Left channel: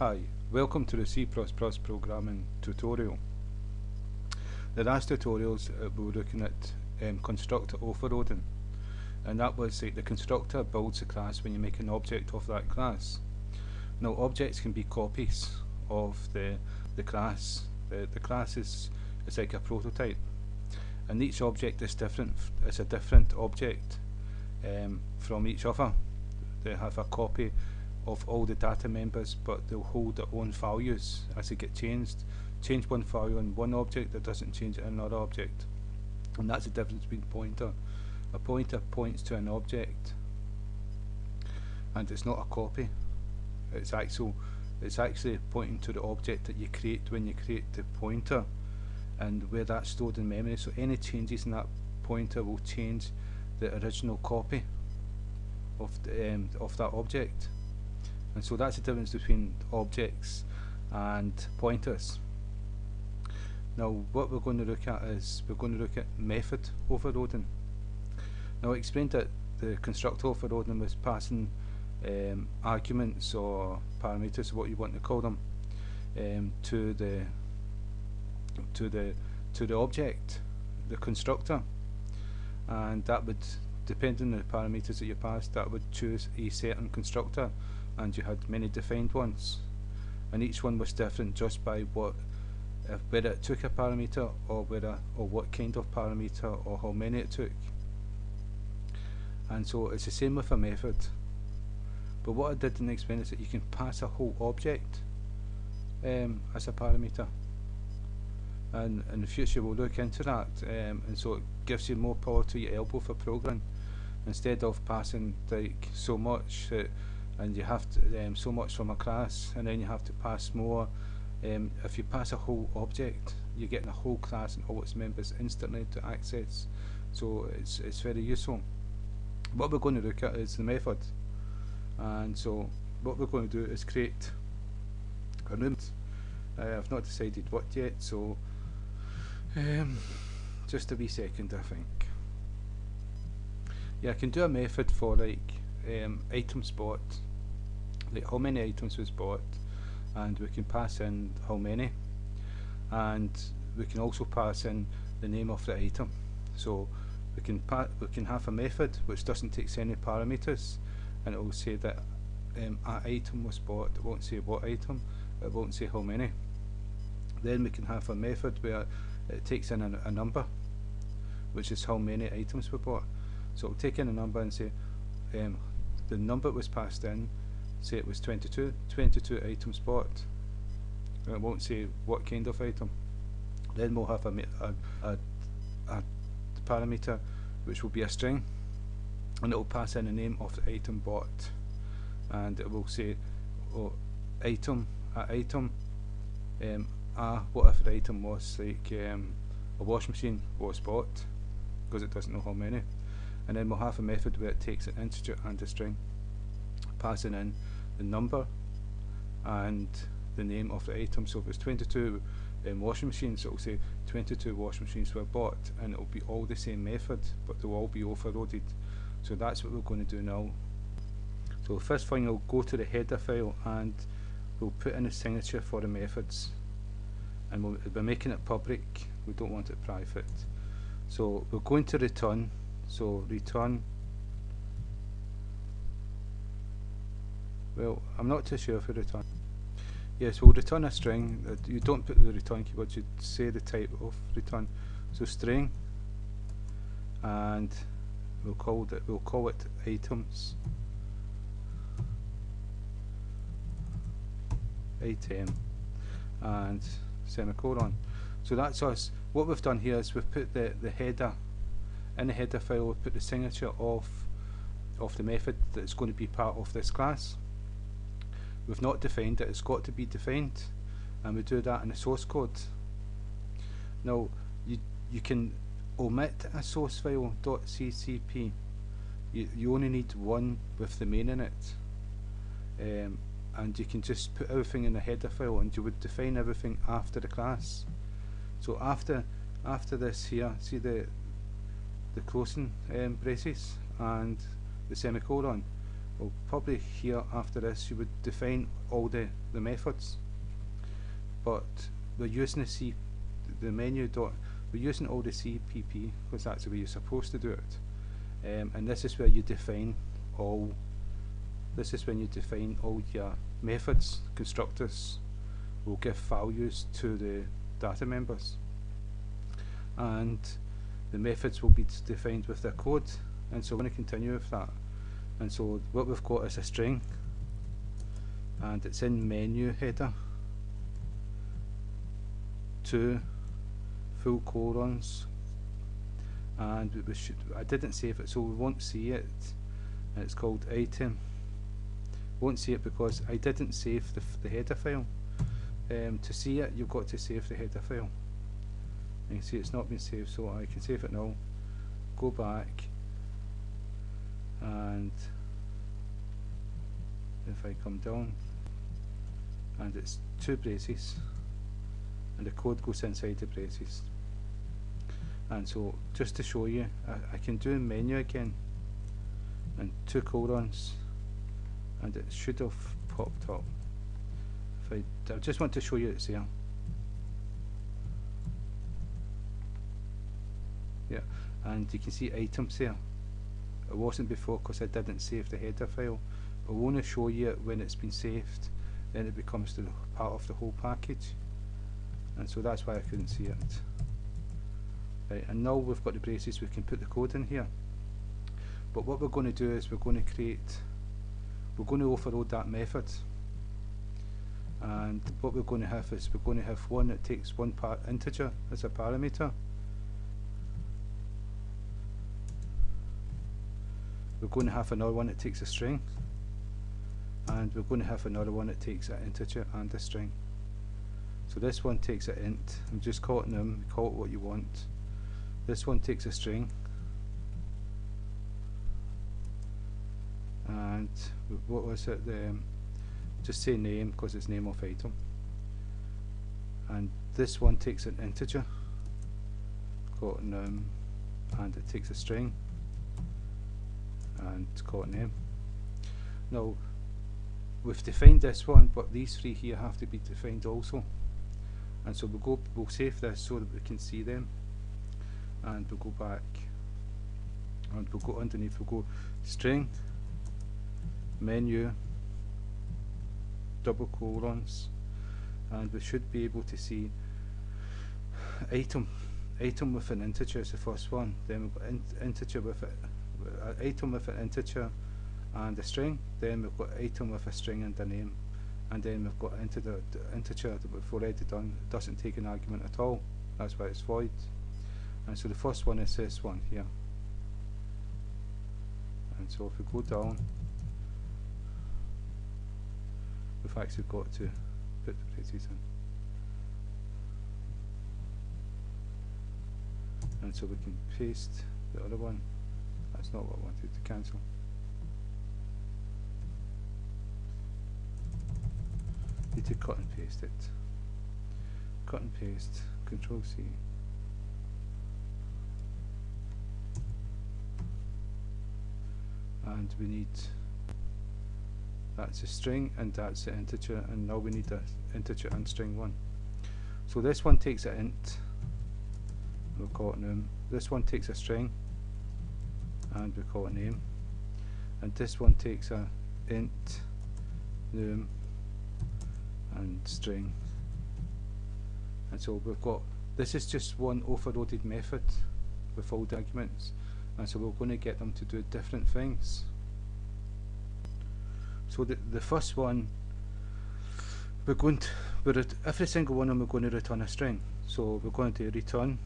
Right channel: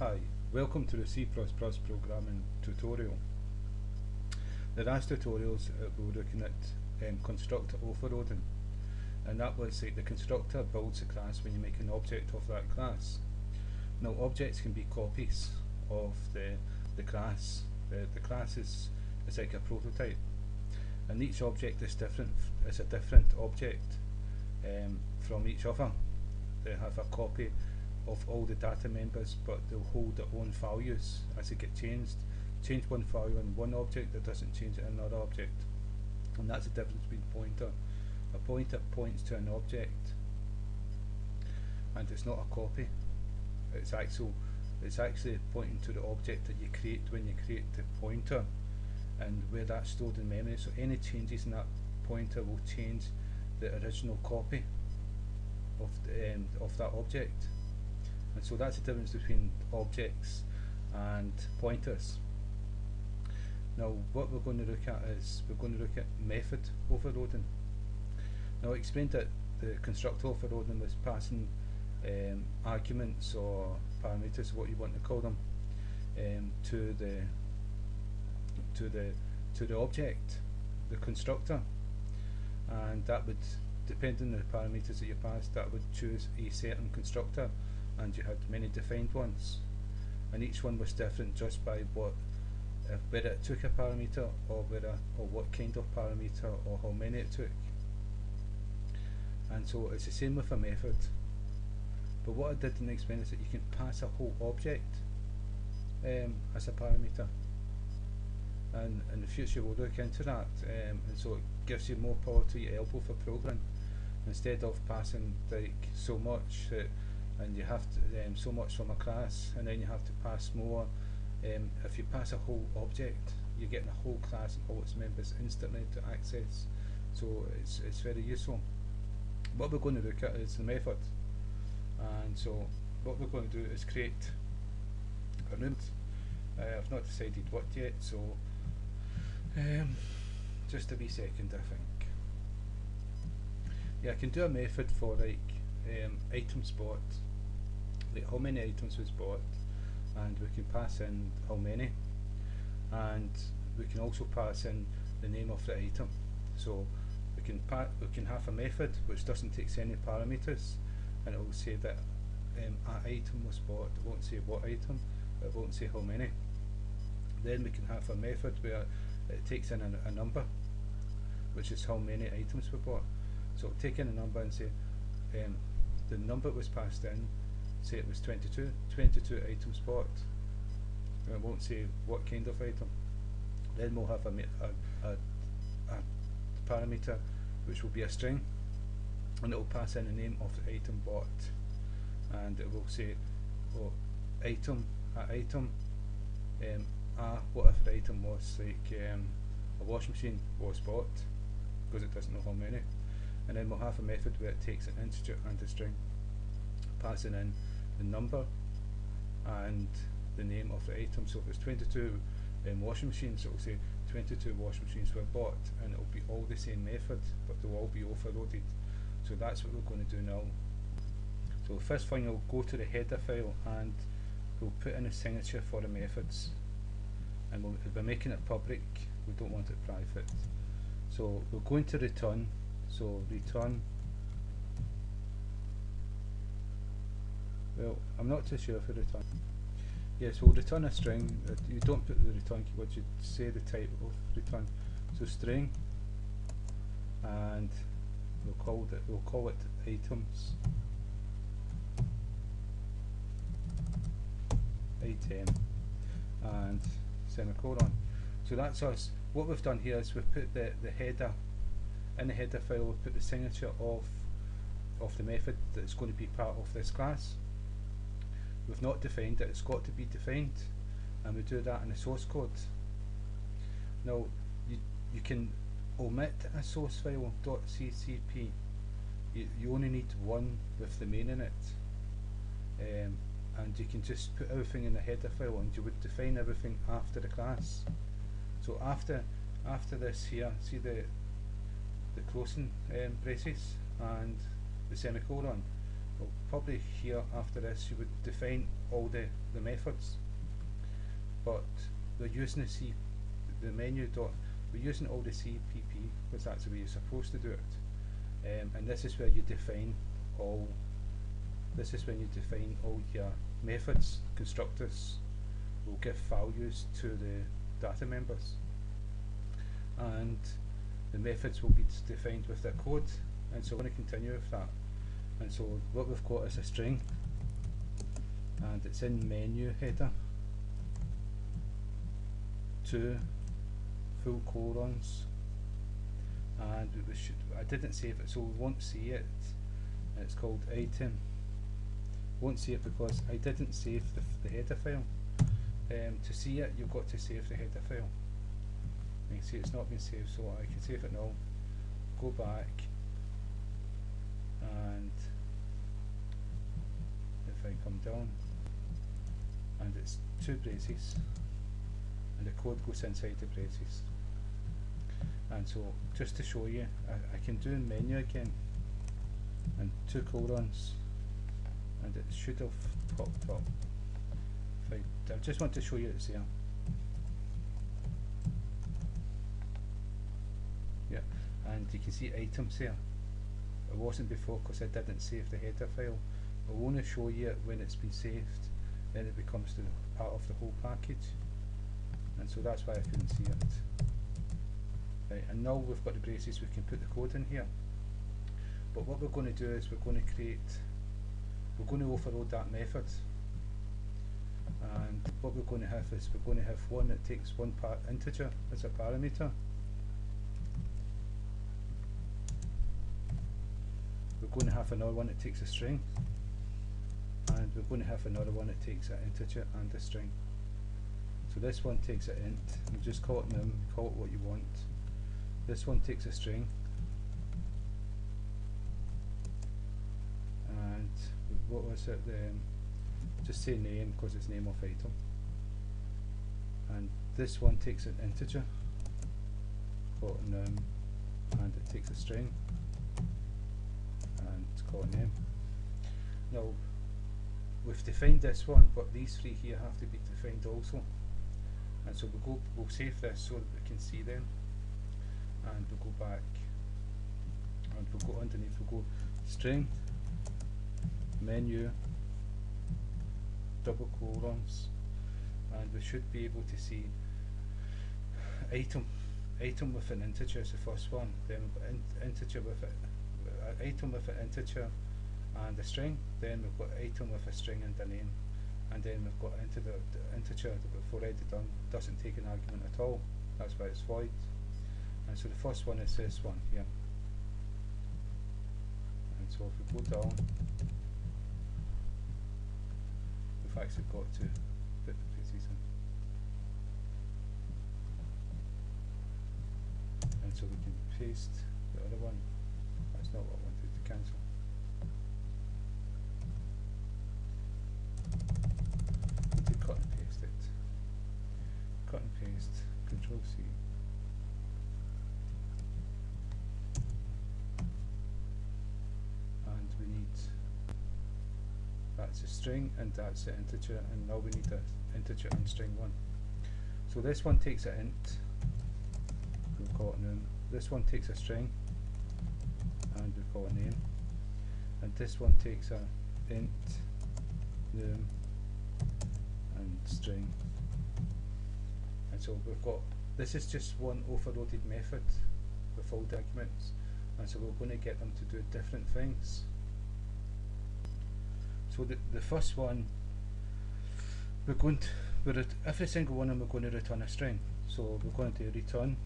Hi, welcome to the C++ programming tutorial. The last tutorials we were looking at constructor overloading, and that was like the constructor builds a class when you make an object of that class. Now objects can be copies of the class. The class is like a prototype, and each object is different. It's a different object from each other. They have a copy of all the data members, but they'll hold their own values as they get changed. Change one value in one object, that doesn't change it in another object. And that's the difference between pointer. A pointer points to an object, and it's not a copy. It's actually pointing to the object that you create when you create the pointer, and where that's stored in memory. So any changes in that pointer will change the original copy of that object. And so that's the difference between objects and pointers. Now what we're going to look at is we're going to look at method overloading. Now I explained that the constructor overloading was passing arguments or parameters, what you want to call them, to the object, the constructor, and that would, depending on the parameters that you passed, that would choose a certain constructor. And you had many defined ones, and each one was different just by whether it took a parameter or what kind of parameter or how many it took. And so it's the same with a method. But what I didn't explain is that you can pass a whole object as a parameter, and in the future we'll look into that. And so it gives you more power to your elbow for programming, instead of passing like so much. And you have to, so much from a class, and then you have to pass more. If you pass a whole object, you're getting a whole class and all its members instantly to access. So it's very useful. What we're going to look at is the method, and so what we're going to do is create a room. I've not decided what yet, so just a wee second, I think. Yeah, I can do a method for like items bought, like how many items was bought, and we can pass in how many, and we can also pass in the name of the item. So we can have a method which doesn't take any parameters, and it will say that an item was bought. It won't say what item, it won't say how many. Then we can have a method where it takes in a number, which is how many items were bought. So it'll take in a number and say the number was passed in, say it was 22 items bought. It won't say what kind of item. Then we'll have a parameter which will be a string, and it will pass in the name of the item bought, and it will say, oh, item, whatever the item was, like a washing machine was bought, because it doesn't know how many. And then we'll have a method where it takes an integer and a string, passing in the number and the name of the item. So if it's 22 washing machines, it will say 22 washing machines were bought, and it will be all the same method, but they'll all be overloaded. So that's what we're going to do now. So first thing, we'll go to the header file and we'll put in a signature for the methods, and we're making it public, we don't want it private. So we're going to return. So return, well, I'm not too sure if we return. Yes, we'll return a string. You don't put the return keyword, you say the type of return. So string, and we'll call it items. Item, and semicolon. So that's us. What we've done here is we've put the header. In the header file, we'll put the signature of the method that's going to be part of this class. We've not defined it, it's got to be defined, and we do that in the source code. Now you can omit a source file .ccp. You only need one with the main in it, and you can just put everything in the header file, and you would define everything after the class. So after this here, see the closing braces and the semicolon, Well, probably here after this you would define all the methods, but we're using the menu dot, we're using all the CPP because that's the way you're supposed to do it, and this is where you define all. This is when you define all your methods. Constructors will give values to the data members, and the methods will be defined with their code, and so we're going to continue with that. And so what we've got is a string, and it's in menu header, 2 full colons, and I didn't save it, so we won't see it, and it's called item. Won't see it because I didn't save the header file. To see it, you've got to save the header file. You can see it's not been saved, so I can save it now. Go back, and if I come down, and it's 2 braces, and the code goes inside the braces. And so, just to show you, I can do menu again, and 2 colons, and it should have popped up. I just want to show you it's there. Yeah, and you can see items there. It wasn't before because I didn't save the header file. I want to show you it when it's been saved, then it becomes part of the whole package, and so that's why I couldn't see it. Right, and now we've got the braces, we can put the code in here. But what we're going to do is we're going to overload that method, and what we're going to have is we're going to have one that takes one integer as a parameter. We're going to have another one that takes a string, and we're going to have another one that takes an integer and a string. So this one takes an int, I'm just calling them, call it what you want. This one takes a string, and what was it? Just say name because it's name of item. And this one takes an integer, call it num, and it takes a string, and call it name. Now we've defined this one, but these 3 here have to be defined also. And so we'll save this so that we can see them, and we'll go back, and we'll go underneath, we'll go string, menu, double colons, and we should be able to see item with an integer is the first one, then we've got integer with it, item with an integer and a string, then we've got item with a string and a name, and then we've got the integer that we've already done. It doesn't take an argument at all, that's why it's void. And so the first one is this one here, and so if we go down, we've actually got to put the braces in, and so we can paste the other one. That's not what I wanted to cancel. Need to cut and paste it. Cut and paste, Control C. And we need, that's a string and that's an integer, and now we need an integer and string one. So this one takes an int, we'll call it num. This one takes a string, and we call it name. And this one takes a int, num, and string. And so we've got, this is just one overloaded method with all the arguments, and so we're going to get them to do different things. So the first one, every single one of them we're going to return a string. So we're going to return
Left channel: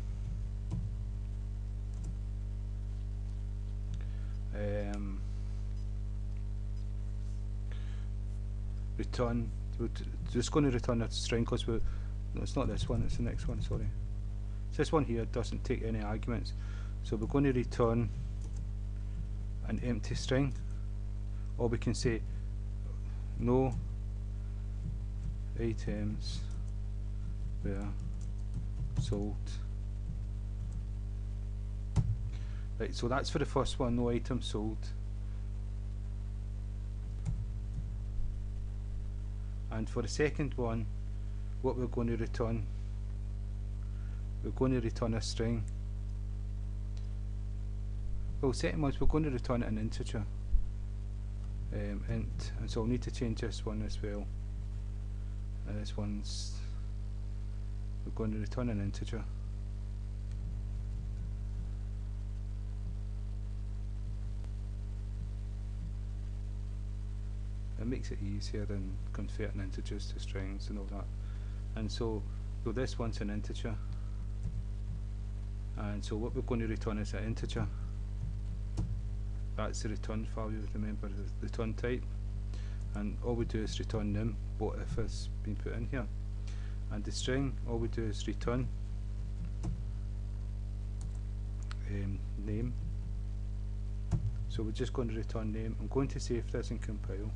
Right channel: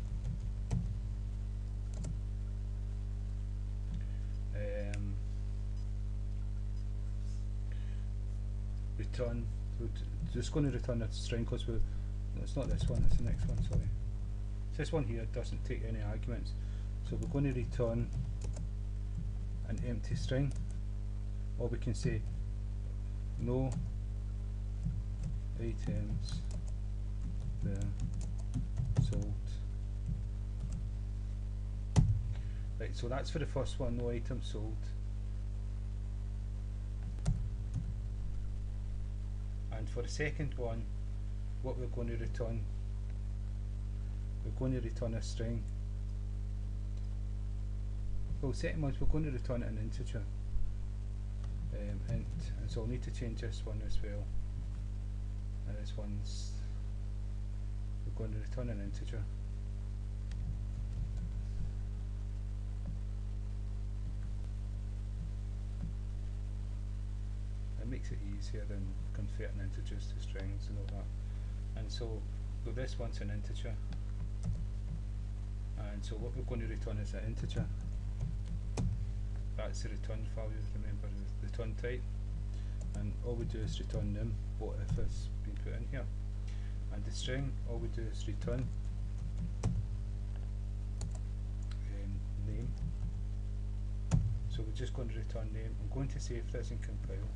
we're just going to return a string because no, it's not this one, it's the next one, sorry. So this one here doesn't take any arguments, so we're going to return an empty string, or we can say no items were sold. Right, so that's for the first one, no items sold. And for the second one, what we're going to return, we're going to return a string. Well, second one, we're going to return an integer, int, and so I'll need to change this one as well. And this one's, we're going to return an integer. It makes it easier than converting integers to strings and all that. And so this one's an integer, and so what we're going to return is an integer. That's the return value, remember, the return type, and all we do is return num, what if has been put in here. And the string, all we do is return name. So we're just going to return name. I'm going to save this and compile.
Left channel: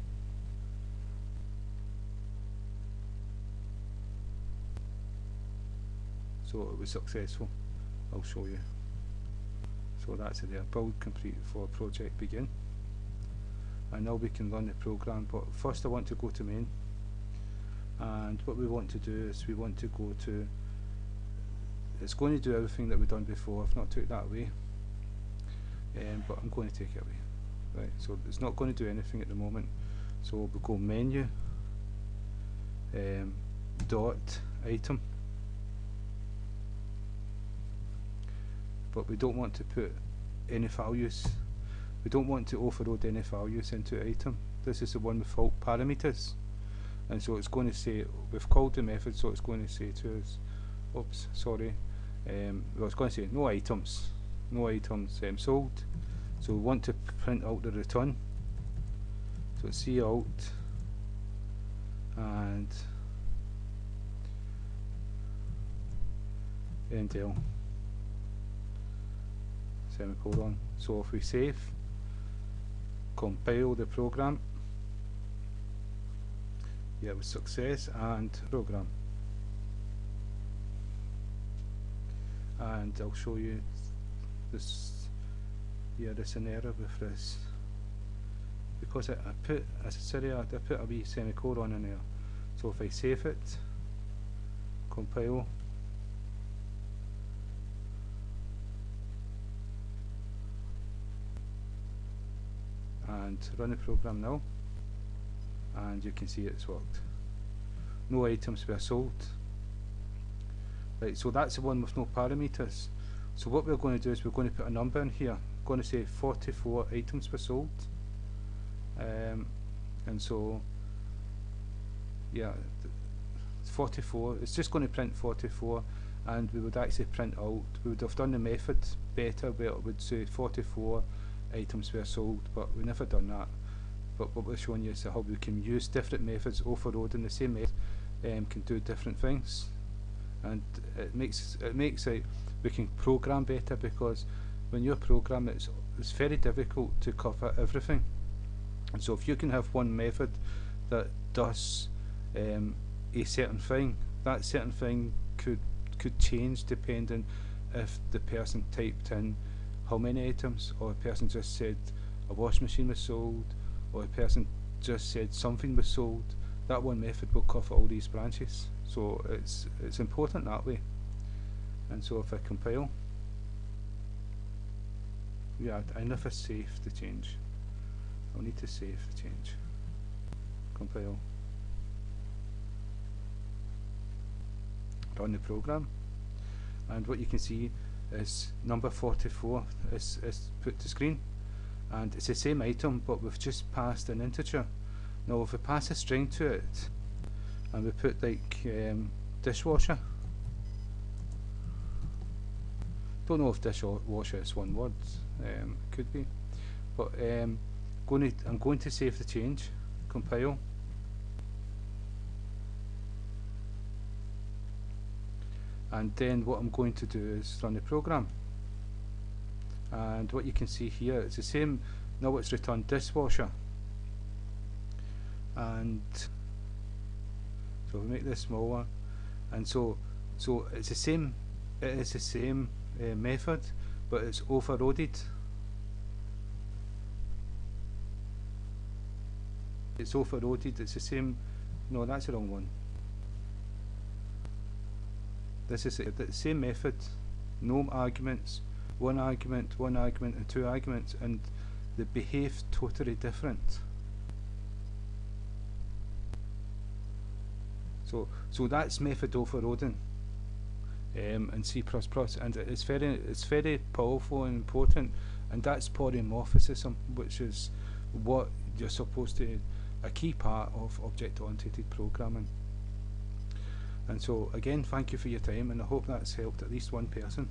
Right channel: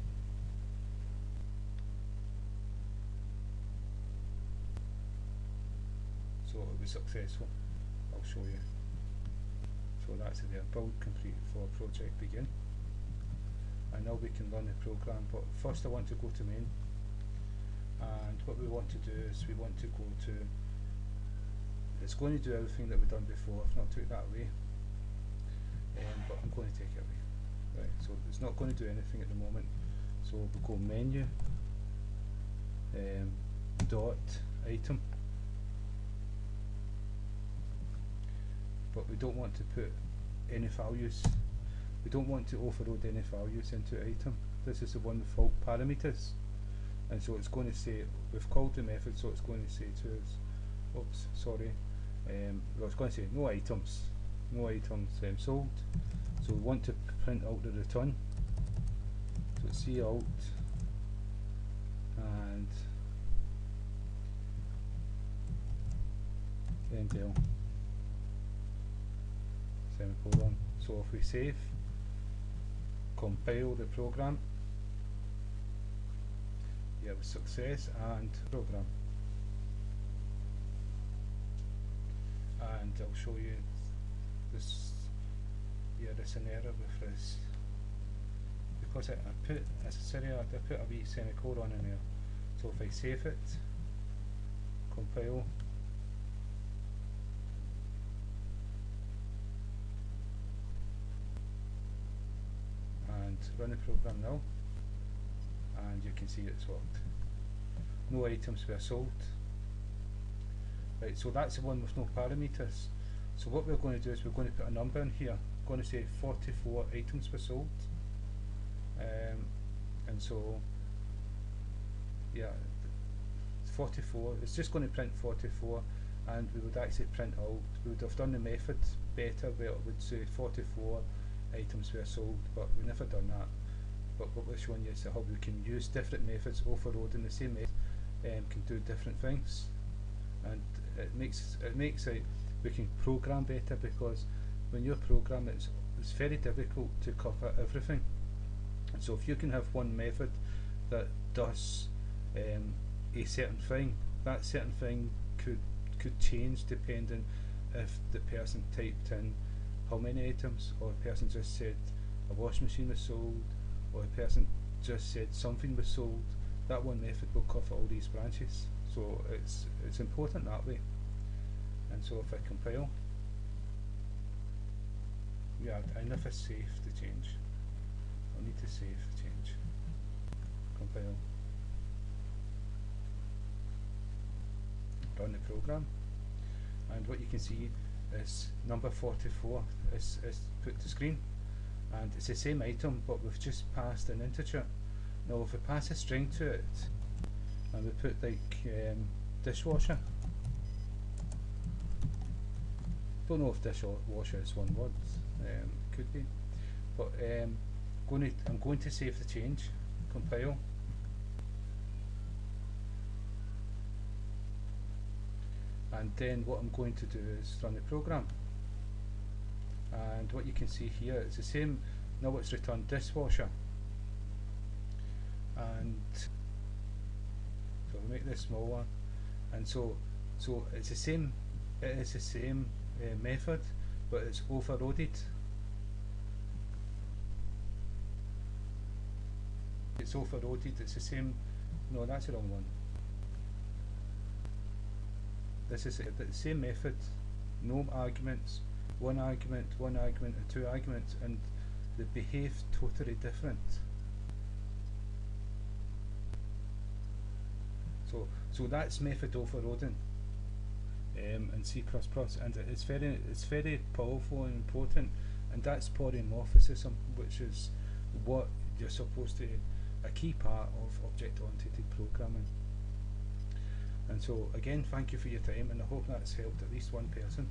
So it was successful. I'll show you. So that's it there. Build complete for project begin. And now we can run the program, but first I want to go to main. And what we want to do is we want to go to, it's going to do everything that we've done before. I've not took it that way, but I'm going to take it away. Right, so it's not going to do anything at the moment. So we'll go menu, dot item. But we don't want to put any values. We don't want to overload any values into item. This is the one without parameters. And so it's going to say, we've called the method, so it's going to say to us, oops, sorry, well, it's going to say no items sold. So we want to print out the return. So it's cout and endl. Semicolon. So if we save, compile the program, yeah, with success, and program. And I'll show you this. Yeah, there's an error with this because I put, as I said, I put a wee semicolon in there. So if I save it, compile, and run the program now, and you can see it's worked. No items were sold. Right, so that's the one with no parameters. So what we're going to do is we're going to put a number in here. I'm going to say 44 items were sold, and so yeah, 44. It's just going to print 44, and we would actually print out. We would have done the method better where it would say 44 items were sold, but we never done that. But what we're showing you is how we can use different methods, overloading the same method, can do different things, and it makes it we can program better, because when you program it's very difficult to cover everything. And so if you can have one method that does a certain thing, that certain thing could change depending if the person typed in how many items, or a person just said a washing machine was sold, or a person just said something was sold. That one method will cover all these branches. So it's important that way. And so if I compile, yeah, I never save the change. I'll need to save the change. Compile. Run the program, and what you can see is number 44 is put to screen, and it's the same item, but we've just passed an integer. Now if we pass a string to it and we put like dishwasher, don't know if dishwasher is one word, could be, but I'm going to save the change, compile, and then what I'm going to do is run the program. And what you can see here is the same. Now it's returned dishwasher, and so we make this smaller, and so it's the same. It is the same method, but it's overloaded. It's overloaded. It's the same No, that's the wrong one. This is the same method, no arguments, one argument, and two arguments, and they behave totally different. So that's method overloading in C++, and it's very powerful and important, and that's polymorphism, which is what you're supposed to, a key part of object-oriented programming. And so again, thank you for your time, and I hope that's helped at least one person.